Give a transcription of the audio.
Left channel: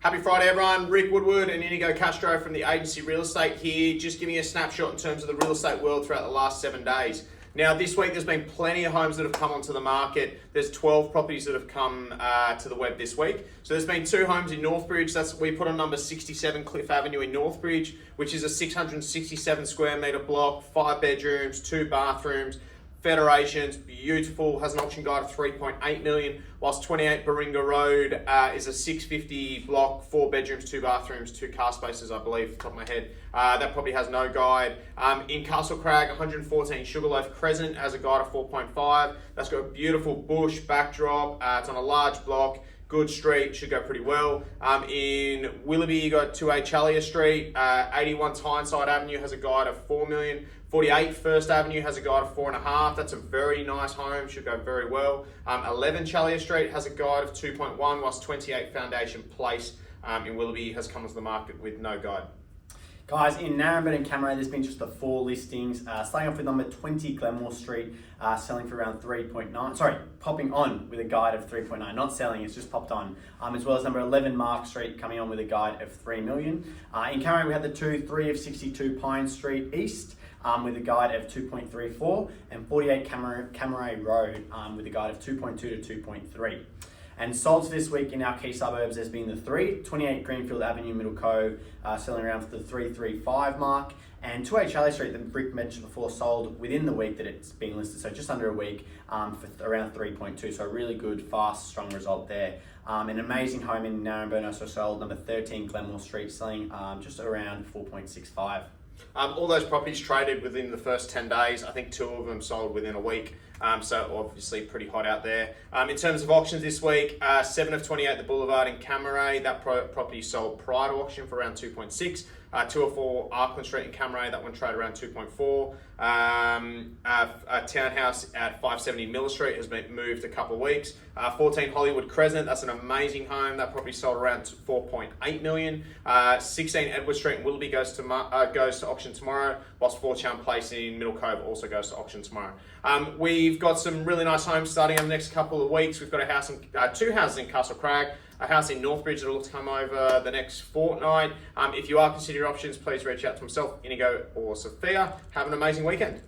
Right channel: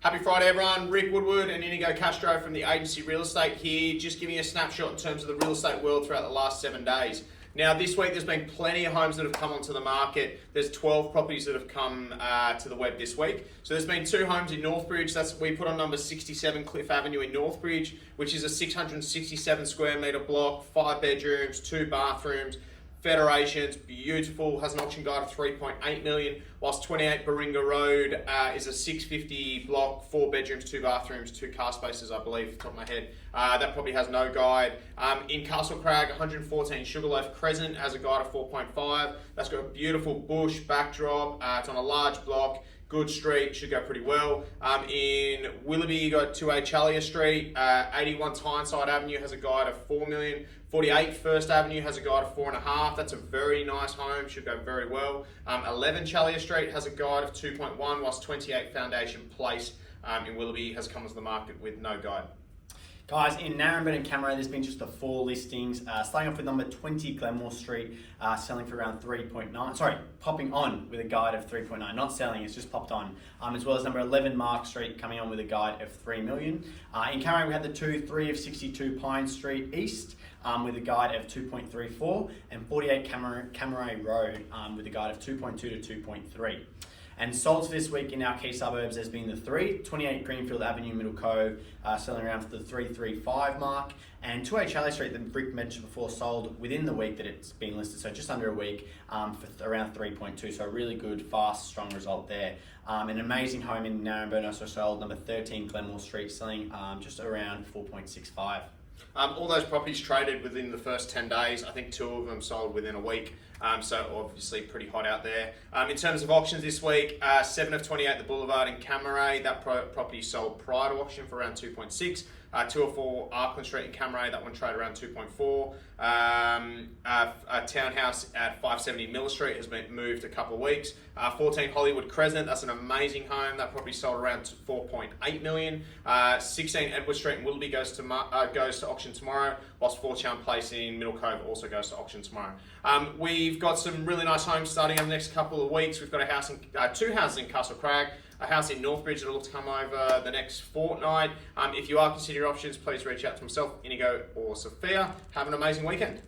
Happy Friday, everyone. Rick Woodward and Inigo Castro from the Agency Real Estate here, just giving you a snapshot in terms of the real estate world throughout the last 7 days. Now, this week there's been plenty of homes that have come onto the market. There's 12 properties that have come to the web this week. So there's been 2 homes in Northbridge. We put on number 67 Cliff Avenue in Northbridge, which is a 667 square metre block, 5 bedrooms, 2 bathrooms. Federations, beautiful, has an auction guide of 3.8 million, whilst 28 Baringa Road is a 650 block, 4 bedrooms, 2 bathrooms, 2 car spaces, I believe, off the top of my head. That probably has no guide. In Castle Crag, 114 Sugarloaf Crescent has a guide of 4.5. That's got a beautiful bush backdrop. It's on a large block. Good street, should go pretty well. In Willoughby, you got 2A Challier Street. 81 Tyneside Avenue has a guide of 4 million. 48 First Avenue has a guide of 4.5. That's a very nice home, should go very well. 11 Challier Street has a guide of 2.1, whilst 28 Foundation Place in Willoughby has come onto the market with no guide. Guys, in Narrabeen and Cammeray, there's been just the 4 listings. Starting off with number 20 Glenmore Street, selling for around 3.9. Sorry, popping on with a guide of 3.9. Not selling, it's just popped on. As well as number 11 Mark Street, coming on with a guide of 3 million. In Cammeray, we had the 3 of 62 Pine Street East, with a guide of 2.34, and 48 Cammeray Road with a guide of 2.2 to 2.3. And sold for this week in our key suburbs has been the 28 Greenfield Avenue, Middle Cove, selling around for the 335 mark, and 2A Charlie Street that Rick mentioned before sold within the week that it's been listed, so just under a week, for around 3.2, so a really good, fast, strong result there. An amazing home in Narrabeen also sold, number 13 Glenmore Street, selling just around 4.65. All those properties traded within the first 10 days. I think 2 of them sold within a week. So obviously pretty hot out there. In terms of auctions this week, 7 of 28 The Boulevard in Cammeray. That property sold prior to auction for around 2.6. 204 Arkland Street in Cammeray, that one traded around 2.4. A townhouse at 570 Miller Street has been moved a couple of weeks. 14 Hollywood Crescent, that's an amazing home. That property sold around 4.8 million. 16 Edward Street in Willoughby goes to auction tomorrow, whilst Fortune Place in Middle Cove also goes to auction tomorrow. We've got some really nice homes starting over the next couple of weeks. We've got a house in 2 houses in Castle Crag, a house in Northbridge that will come over the next fortnight. If you are considering options, please reach out to myself, Inigo, or Sophia. Have an amazing weekend.